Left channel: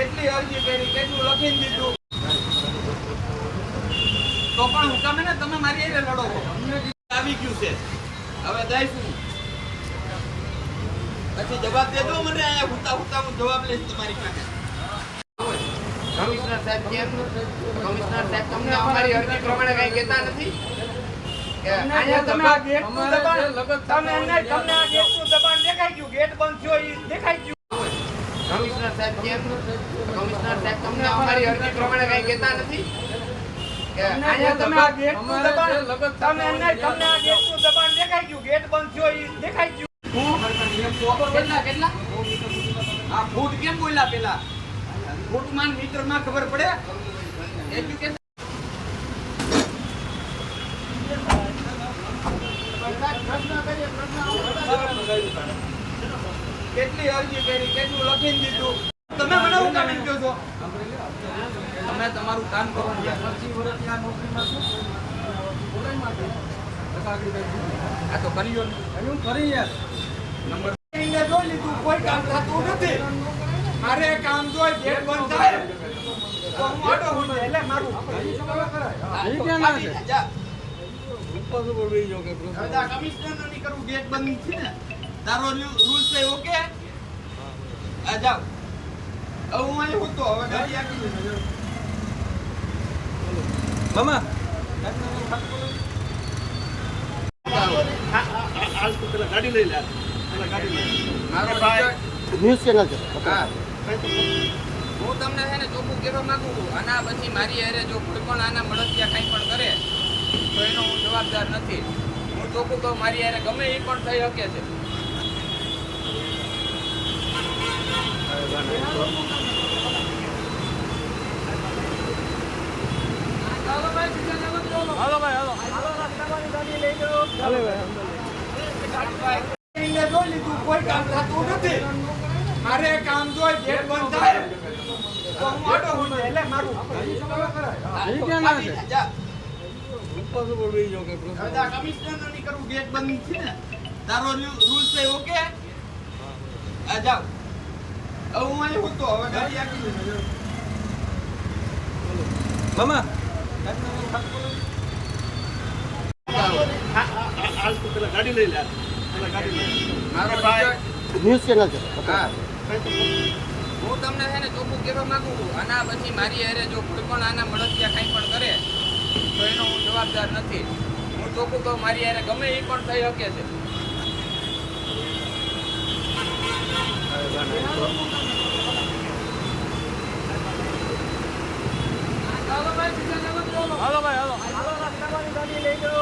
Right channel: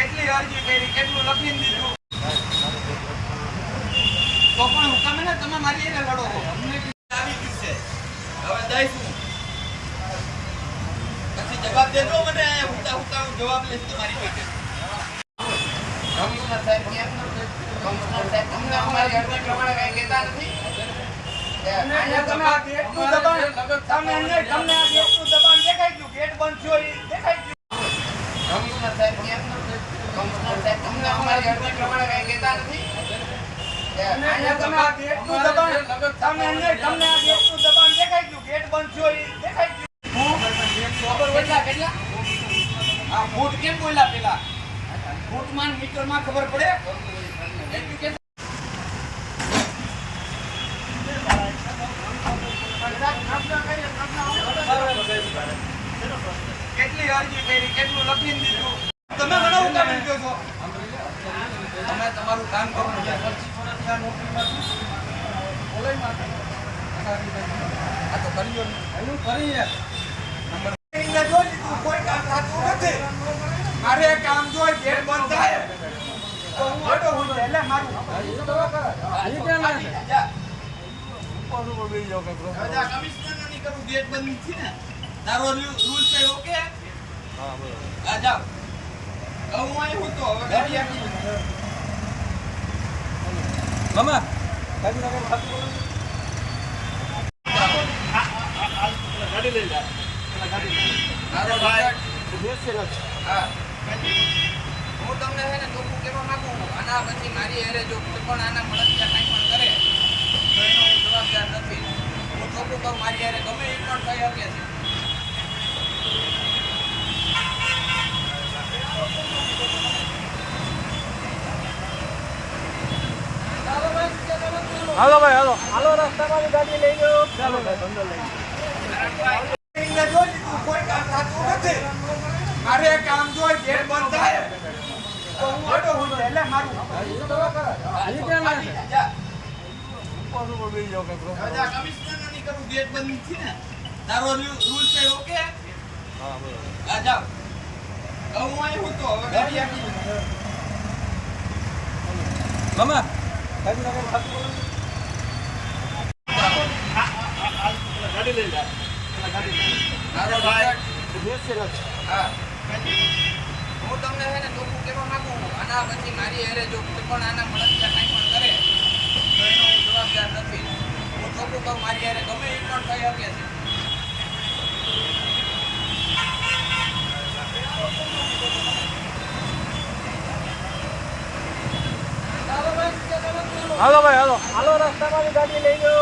કેટલી અરજી કરી, કેટલું લખીને દીધું, તો પણ તમે ને તમે મારી એને લડો છો. અમને આવી ગયું છે, હવે દઈશું. પછી જવાબ દેજો મને. હુતા હુતા હું જવાબ લઈશ તમારી પાસે. કમિશનર સાહેબ કેમ? કમિશનર સાહેબ અમને અમારી અરજી પ્રમાણે કઈ કહેતા નથી. તમને આ ગેટનું દબાણ દેખાઈ ગયું, ગેટ બંધ થયો એ દેખાઈ ગયું. કમિશનર સાહેબ કેમ? કમિશનર સાહેબ અમને અમારી અરજી પ્રમાણે કઈ કહેતા નથી. તમને આ ગેટનું દબાણ દેખાઈ ગયું, ગેટ બંધ થયો એ દેખાઈ ગયું. કેટલા આ ફૂટ કેમ બોલ્યા? પેલા ફૂટમાન મીટરમાં ખબર પડે. કેટલી અરજી કરી, કેટલું લખીને દીધું, તમે ઘણા કામ કહો છો. અમે તમારું કામ કરો. 25 વર્ષ આ નોકરીમાં છું. આ તો કરી લો. એનું કરી યાર. નંબર જોઈ લીધું, કોઈ કામ થતું નથી. મારે કામ જોઈ, ગેટ બંધ થાય તો હું ઓટો હું એટલે મારું કમિશનર નથી કરું, ગેટ બંધ છે ને. તારો રૂલ છે ઓકે. આ જાવ. હવે હું અહીં હતો, હવે ગાડી આખી મામા ગાડી લઈ લે. મારો ન્યૂઝ ચેનલ છે. હા, હું તમને છે ને ચોખ્ખું કહેવા માંગુ છું. આના પછી મારી હારે જો કોઈ પણ આના મળતિયા કંઈ પણ કરે તો એનો હું જવાબદાર નથી. હું ચોખ્ખું કહું, મારી હારે ગમે એ પણ થઈ શકે છે. હાલો ભાઈ, હાલો હાલો. રસ્તામાં ગાડી લઈ લો. જોઈ લીધું, કોઈ કામ થતું નથી. મારે કામ જોઈ, ગેટ બંધ થાય તો હું ઓટો હું એટલે મારું કમિશનર નથી કરું, ગેટ બંધ છે ને. તારો રૂલ છે ઓકે. આ જાવ. હવે હું અહીં હતો, હવે ગાડી આખી મામા ગાડી લઈ લે. મારો ન્યૂઝ ચેનલ છે. હા, હું તમને છે ને ચોખ્ખું કહેવા માંગુ છું. આના પછી મારી હારે જો કોઈ પણ આના મળતિયા કંઈ પણ કરે તો એનો હું જવાબદાર નથી. હું ચોખ્ખું કહું, મારી હારે ગમે એ પણ થઈ શકે છે. હાલો ભાઈ, હાલો હાલો. રસ્તામાં ગાડી લઈ લો.